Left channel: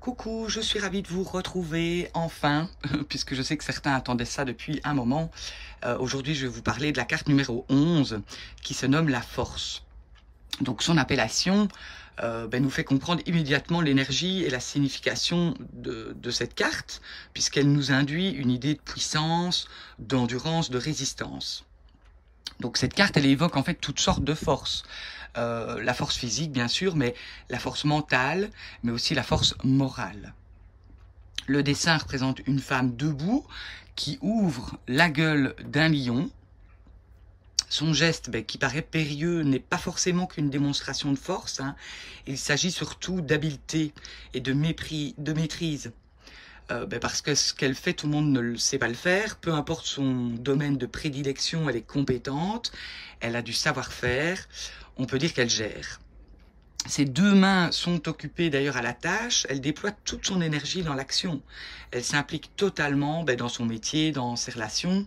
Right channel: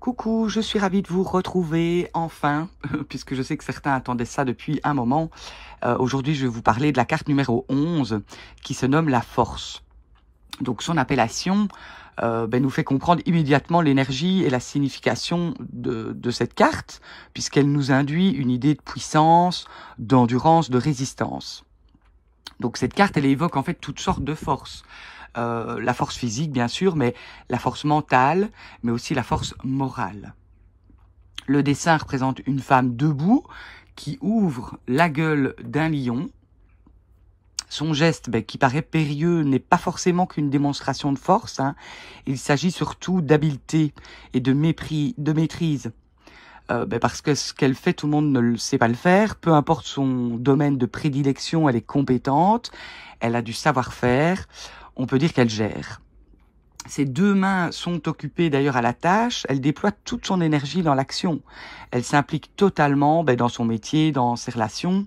Coucou, je suis ravie de vous retrouver enfin, puisque je sais que certains attendaient ça depuis un moment. Aujourd'hui, je vais vous parler de la carte numéro 11, qui se nomme la force. Donc son appellation nous fait comprendre immédiatement l'énergie et la signification de cette carte, puisqu'elle nous induit une idée de puissance, d'endurance, de résistance. Donc cette carte, elle évoque en fait toutes sortes de forces. La force physique, bien sûr, mais la force mentale, mais aussi la force morale. Le dessin représente une femme debout qui ouvre la gueule d'un lion. Son geste, qui paraît périlleux, n'est pas forcément qu'une démonstration de force. Il s'agit surtout d'habileté et de maîtrise. Parce que ce qu'elle fait, tout le monde ne sait pas le faire. Peu importe son domaine de prédilection, elle est compétente, elle a du savoir-faire. On peut dire qu'elle gère. Ses deux mains sont occupées d'ailleurs à la tâche. Elle déploie toute son énergie dans l'action. Elle s'implique totalement dans son métier, dans ses relations.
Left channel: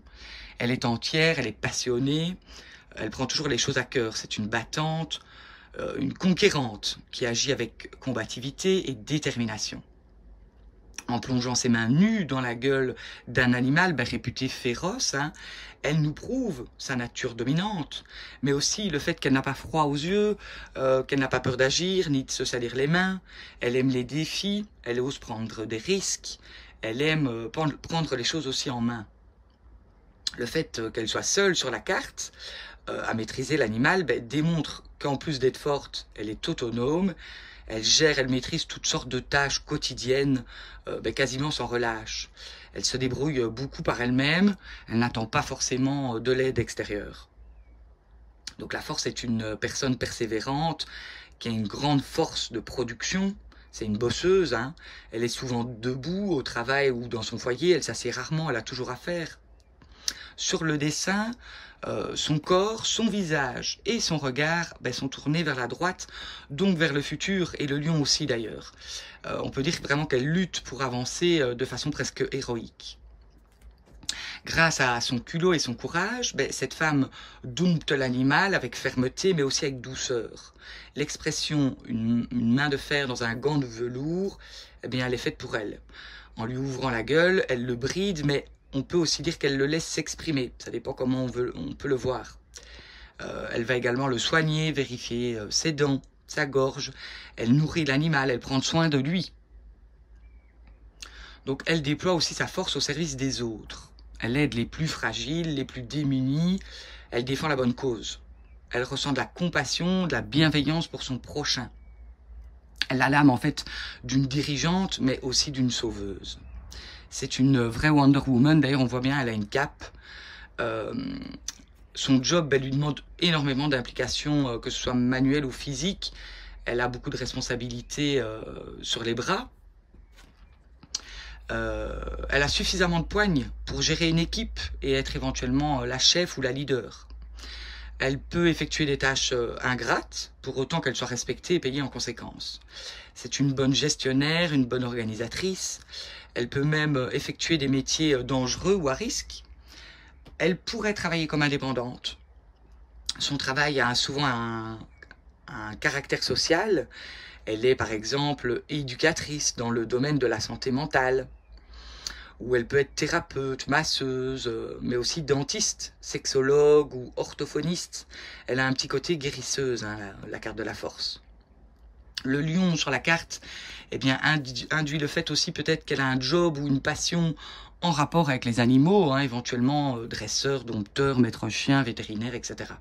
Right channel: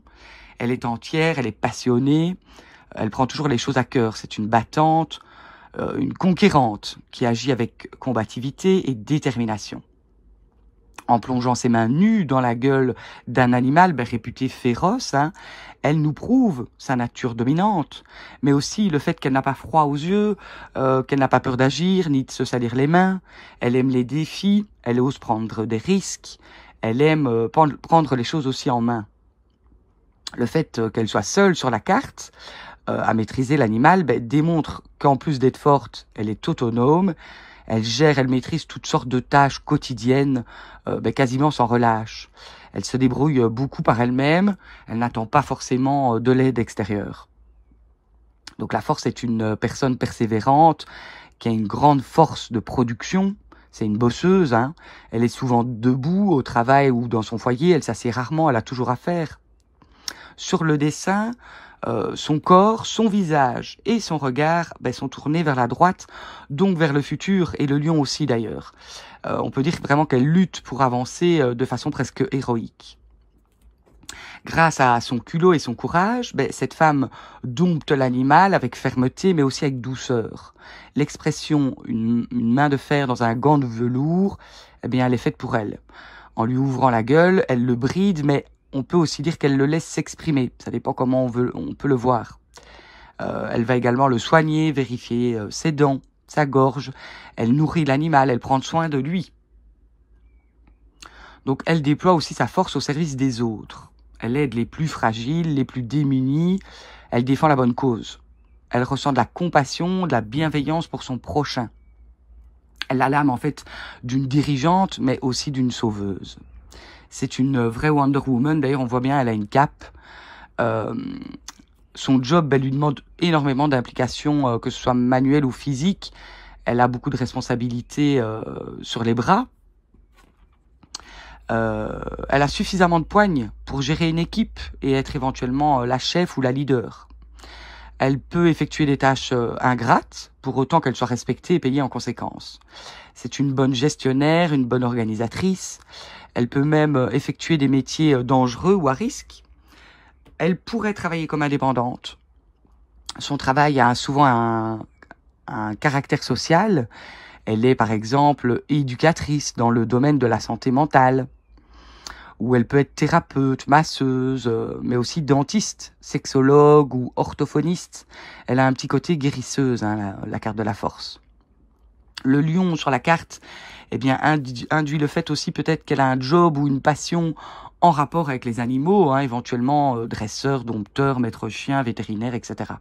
Elle est entière, elle est passionnée. Elle prend toujours les choses à cœur. C'est une battante, une conquérante qui agit avec combativité et détermination. En plongeant ses mains nues dans la gueule d'un animal réputé féroce, elle nous prouve sa nature dominante, mais aussi le fait qu'elle n'a pas froid aux yeux, qu'elle n'a pas peur d'agir, ni de se salir les mains. Elle aime les défis, elle ose prendre des risques, elle aime prendre les choses aussi en main. Le fait qu'elle soit seule sur la carte, à maîtriser l'animal, démontre qu'en plus d'être forte, elle est autonome, elle gère, elle maîtrise toutes sortes de tâches quotidiennes, quasiment sans relâche. Elle se débrouille beaucoup par elle-même, elle n'attend pas forcément de l'aide extérieure. Donc la force est une personne persévérante, qui a une grande force de production, c'est une bosseuse, Elle est souvent debout au travail ou dans son foyer, elle s'assied rarement, elle a toujours à faire. Sur le dessin, son corps, son visage et son regard sont tournés vers la droite, donc vers le futur, et le lion aussi d'ailleurs. On peut dire vraiment qu'elle lutte pour avancer de façon presque héroïque. Grâce à son culot et son courage, cette femme dompte l'animal avec fermeté, mais aussi avec douceur. L'expression « une main de fer dans un gant de velours », elle est faite pour elle. En lui ouvrant la gueule, elle le bride, mais on peut aussi dire qu'elle le laisse s'exprimer. Ça dépend comment on peut le voir. Elle va également le soigner, vérifier ses dents, sa gorge. Elle nourrit l'animal, elle prend soin de lui. Donc elle déploie aussi sa force au service des autres. Elle aide les plus fragiles, les plus démunis. Elle défend la bonne cause. Elle ressent de la compassion, de la bienveillance pour son prochain. Elle a l'âme en fait d'une dirigeante, mais aussi d'une sauveuse. C'est une vraie Wonder Woman. D'ailleurs, on voit bien, elle a une cape. Son job, lui demande énormément d'implication, que ce soit manuelle ou physique. Elle a beaucoup de responsabilités sur les bras. Elle a suffisamment de poigne pour gérer une équipe et être éventuellement la chef ou la leader. Elle peut effectuer des tâches ingrates, pour autant qu'elle soit respectée et payée en conséquence. C'est une bonne gestionnaire, une bonne organisatrice. Elle peut même effectuer des métiers dangereux ou à risque. Elle pourrait travailler comme indépendante. Son travail a souvent un caractère social. Elle est par exemple éducatrice dans le domaine de la santé mentale. Ou elle peut être thérapeute, masseuse, mais aussi dentiste, sexologue ou orthophoniste. Elle a un petit côté guérisseuse, la carte de la force. Le lion sur la carte induit le fait aussi peut-être qu'elle a un job ou une passion en rapport avec les animaux, éventuellement dresseur, dompteur, maître chien, vétérinaire, etc.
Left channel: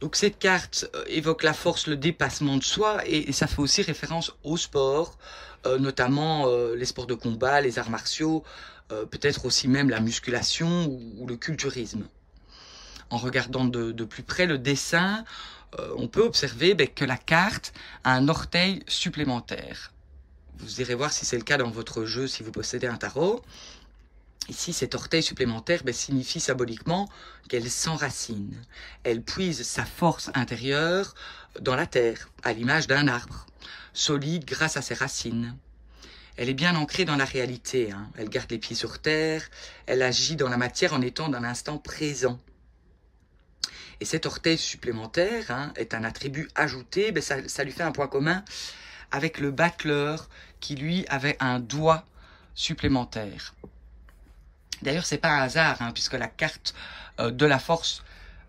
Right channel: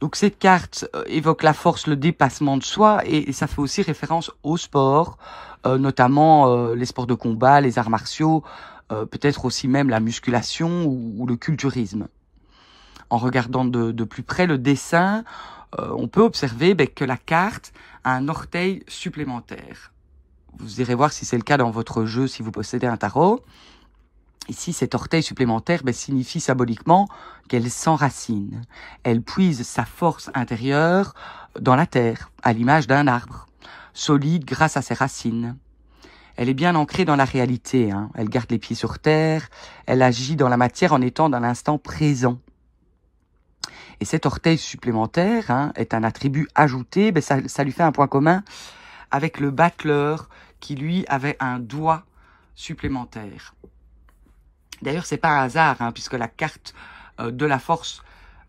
Donc cette carte évoque la force, le dépassement de soi, et ça fait aussi référence au sport, notamment les sports de combat, les arts martiaux, peut-être aussi même la musculation ou le culturisme. En regardant de plus près le dessin, on peut observer que la carte a un orteil supplémentaire. Vous irez voir si c'est le cas dans votre jeu, si vous possédez un tarot. Ici, cet orteil supplémentaire signifie symboliquement qu'elle s'enracine. Elle puise sa force intérieure dans la terre, à l'image d'un arbre, solide grâce à ses racines. Elle est bien ancrée dans la réalité. Elle garde les pieds sur terre, elle agit dans la matière en étant dans l'instant présent. Et cet orteil supplémentaire est un attribut ajouté, ça lui fait un point commun avec le battleur qui lui avait un doigt supplémentaire. D'ailleurs, c'est pas un hasard, hein, puisque la carte de la force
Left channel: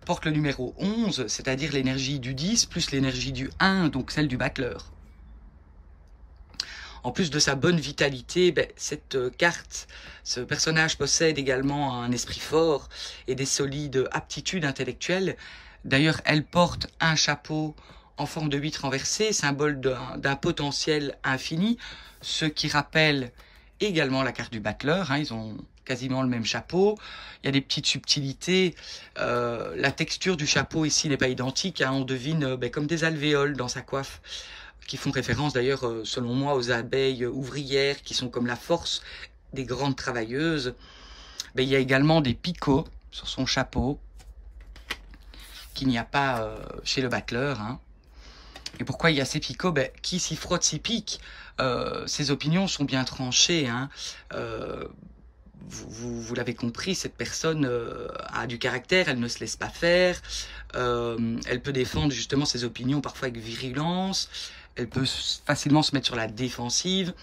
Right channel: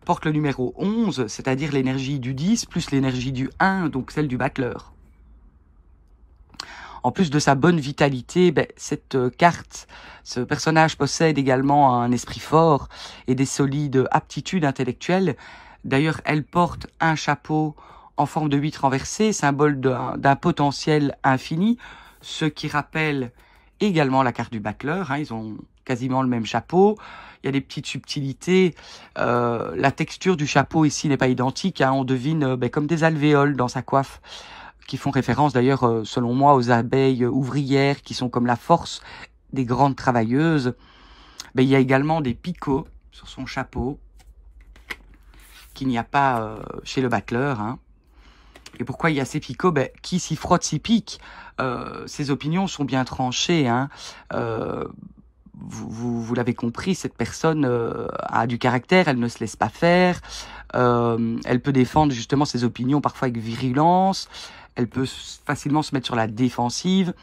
porte le numéro 11, c'est-à-dire l'énergie du 10 plus l'énergie du 1, donc celle du battleur. En plus de sa bonne vitalité, cette carte, ce personnage possède également un esprit fort et des solides aptitudes intellectuelles. D'ailleurs, elle porte un chapeau en forme de 8 renversé, symbole d'un potentiel infini, ce qui rappelle également la carte du battleur, hein, ils ont quasiment le même chapeau. Il y a des petites subtilités. La texture du chapeau ici n'est pas identique, hein, on devine comme des alvéoles dans sa coiffe, qui font référence d'ailleurs, selon moi, aux abeilles ouvrières qui sont comme la force des grandes travailleuses. Il y a également des picots sur son chapeau, qu'il n'y a pas chez le battleur. Hein. Et pourquoi il y a ces picots? Qui s'y frotte s'y pique. Ses opinions sont bien tranchées. Hein. Vous l'avez compris, cette personne a du caractère, elle ne se laisse pas faire. Elle peut défendre justement ses opinions parfois avec virulence. Elle peut facilement se mettre sur la défensive.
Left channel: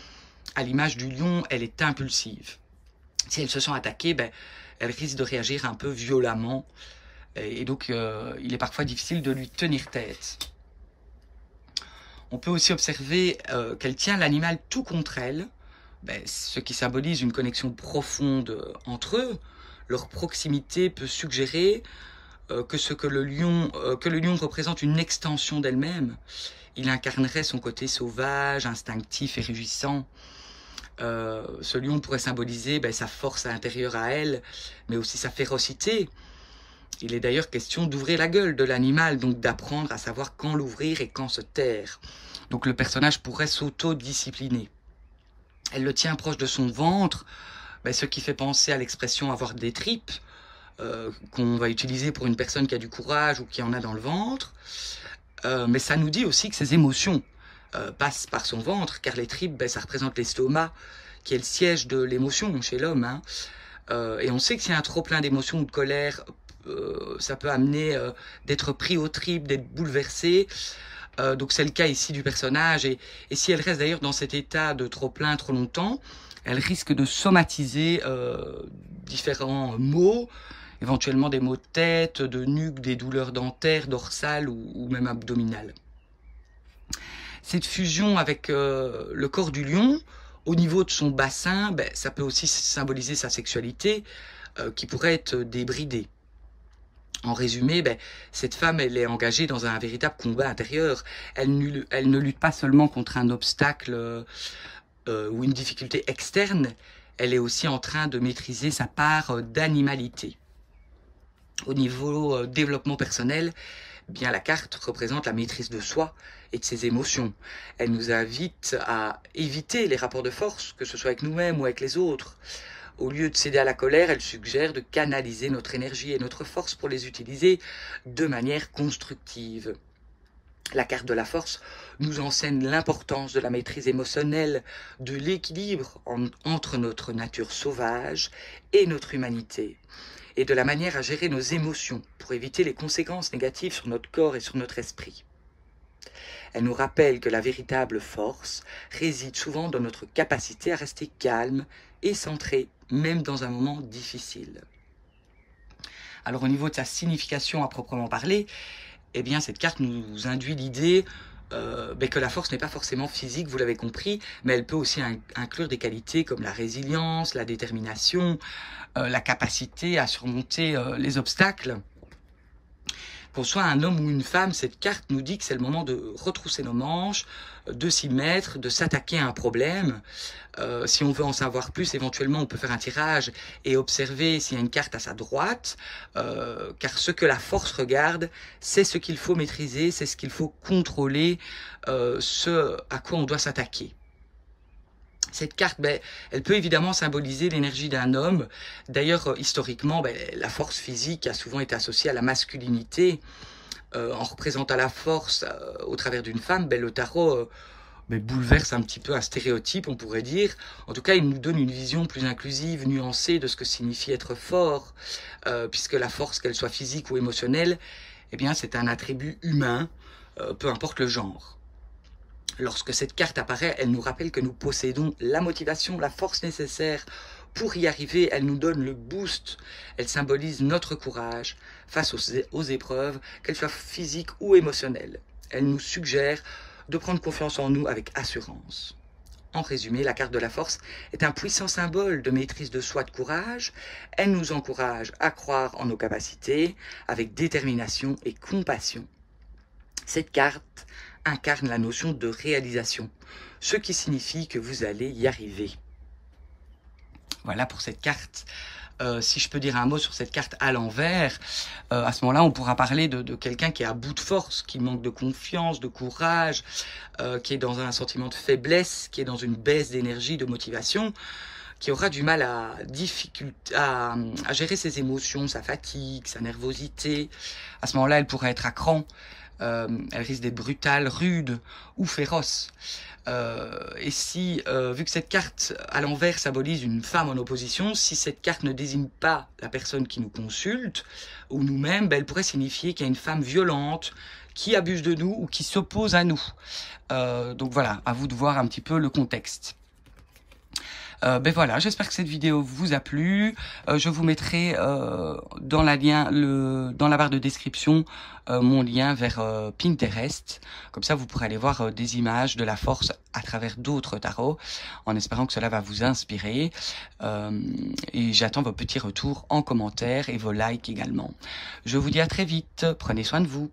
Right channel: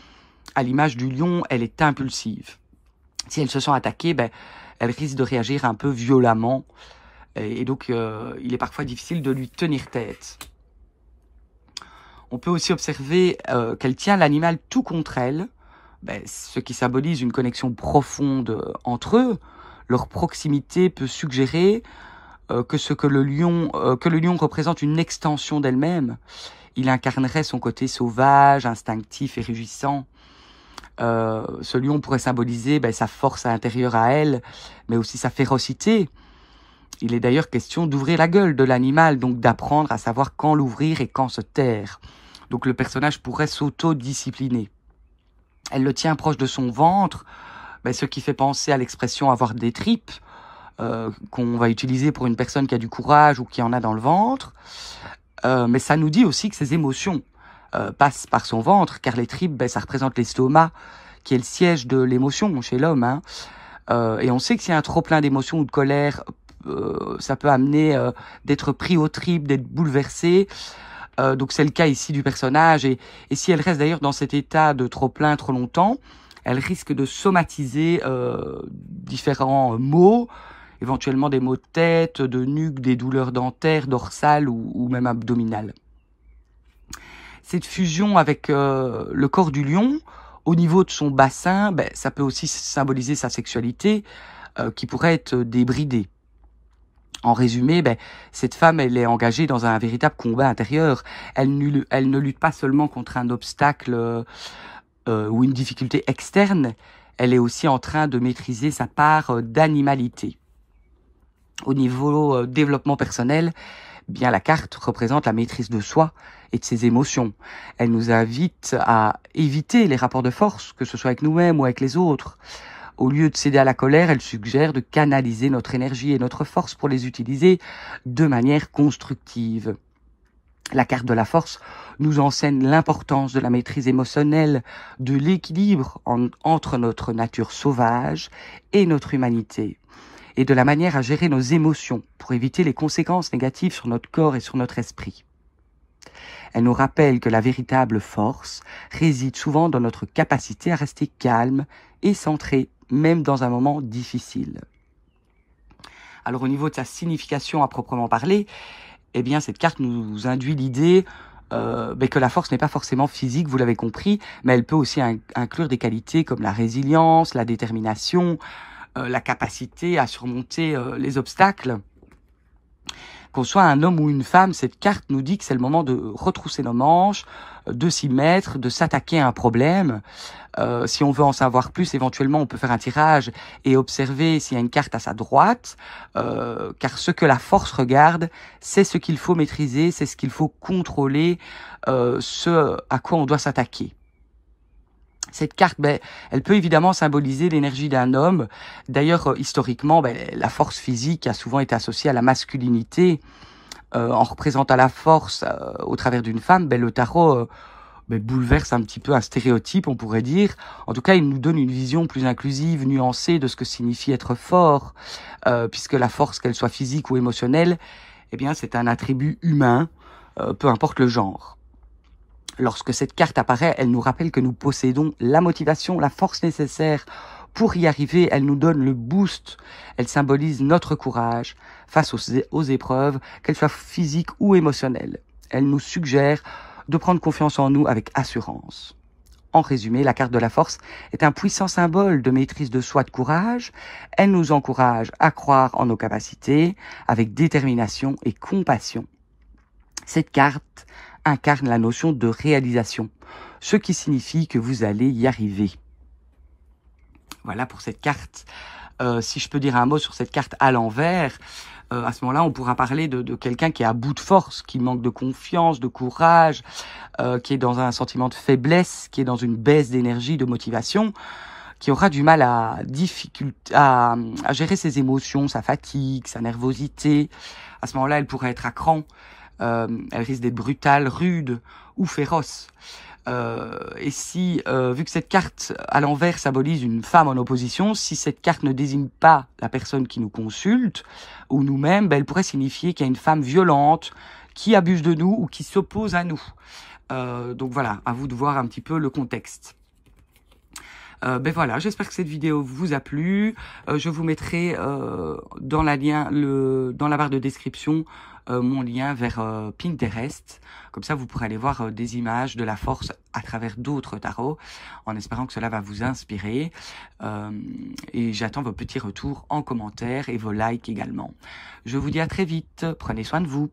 À l'image du lion, elle est impulsive. Si elle se sent attaquée, elle risque de réagir un peu violemment. Et donc, il est parfois difficile de lui tenir tête. On peut aussi observer qu'elle tient l'animal tout contre elle, ce qui symbolise une connexion profonde entre eux. Leur proximité peut suggérer que le lion représente une extension d'elle-même. Il incarnerait son côté sauvage, instinctif et rugissant. Ce lion pourrait symboliser sa force intérieure à elle, mais aussi sa férocité. Il est d'ailleurs question d'ouvrir la gueule de l'animal, donc d'apprendre à savoir quand l'ouvrir et quand se taire. Donc le personnage pourrait s'auto-discipliner. Elle le tient proche de son ventre, ce qui fait penser à l'expression avoir des tripes, qu'on va utiliser pour une personne qui a du courage ou qui en a dans le ventre. Mais ça nous dit aussi que ses émotions passent par son ventre, car les tripes, ça représente l'estomac, qui est le siège de l'émotion chez l'homme. Hein. Et on sait que s'il y a un trop plein d'émotions ou de colère, ça peut amener d'être pris aux tripes, d'être bouleversé. Donc c'est le cas ici du personnage. Et si elle reste d'ailleurs dans cet état de trop plein trop longtemps, elle risque de somatiser différents maux, éventuellement des maux de tête, de nuque, des douleurs dentaires, dorsales ou même abdominales. Cette fusion avec le corps du lion, au niveau de son bassin, ça peut aussi symboliser sa sexualité qui pourrait être débridée. En résumé, cette femme, elle est engagée dans un véritable combat intérieur. Elle ne lutte pas seulement contre un obstacle ou une difficulté externe, elle est aussi en train de maîtriser sa part d'animalité. Au niveau développement personnel, la carte représente la maîtrise de soi et de ses émotions. Elle nous invite à éviter les rapports de force, que ce soit avec nous-mêmes ou avec les autres. Au lieu de céder à la colère, elle suggère de canaliser notre énergie et notre force pour les utiliser de manière constructive. La carte de la force nous enseigne l'importance de la maîtrise émotionnelle, de l'équilibre entre notre nature sauvage et notre humanité, et de la manière à gérer nos émotions pour éviter les conséquences négatives sur notre corps et sur notre esprit. Elle nous rappelle que la véritable force réside souvent dans notre capacité à rester calme et centré, même dans un moment difficile. Alors au niveau de sa signification à proprement parler, cette carte nous induit l'idée que la force n'est pas forcément physique, vous l'avez compris, mais elle peut aussi inclure des qualités comme la résilience, la détermination, la capacité à surmonter les obstacles. Qu'on soit un homme ou une femme, cette carte nous dit que c'est le moment de retrousser nos manches, de s'y mettre, de s'attaquer à un problème. Si on veut en savoir plus, éventuellement, on peut faire un tirage et observer s'il y a une carte à sa droite, car ce que la force regarde, c'est ce qu'il faut maîtriser, c'est ce qu'il faut contrôler, ce à quoi on doit s'attaquer. Cette carte, elle peut évidemment symboliser l'énergie d'un homme. D'ailleurs, historiquement, la force physique a souvent été associée à la masculinité. En représentant la force au travers d'une femme, le tarot bouleverse un petit peu un stéréotype, on pourrait dire. En tout cas, il nous donne une vision plus inclusive, nuancée de ce que signifie être fort, puisque la force, qu'elle soit physique ou émotionnelle, c'est un attribut humain, peu importe le genre. Lorsque cette carte apparaît, elle nous rappelle que nous possédons la motivation, la force nécessaire pour y arriver. Elle nous donne le boost. Elle symbolise notre courage face aux épreuves, qu'elles soient physiques ou émotionnelles. Elle nous suggère de prendre confiance en nous avec assurance. En résumé, la carte de la force est un puissant symbole de maîtrise de soi, de courage. Elle nous encourage à croire en nos capacités avec détermination et compassion. Cette carte incarne la notion de réalisation, ce qui signifie que vous allez y arriver. Voilà pour cette carte. Si je peux dire un mot sur cette carte à l'envers, à ce moment-là, on pourra parler de quelqu'un qui est à bout de force, qui manque de confiance, de courage, qui est dans un sentiment de faiblesse, qui est dans une baisse d'énergie, de motivation, qui aura du mal à gérer ses émotions, sa fatigue, sa nervosité. À ce moment-là, elle pourrait être à cran. Elle risque d'être brutale, rude ou féroce. Et si, vu que cette carte à l'envers symbolise une femme en opposition, si cette carte ne désigne pas la personne qui nous consulte, ou nous-mêmes, elle pourrait signifier qu'il y a une femme violente qui abuse de nous ou qui s'oppose à nous. Donc voilà, à vous de voir un petit peu le contexte. Ben voilà, j'espère que cette vidéo vous a plu. Je vous mettrai dans la barre de description mon lien vers Pinterest. Comme ça, vous pourrez aller voir des images de la force à travers d'autres tarots, en espérant que cela va vous inspirer. Et j'attends vos petits retours en commentaire et vos likes également. Je vous dis à très vite. Prenez soin de vous.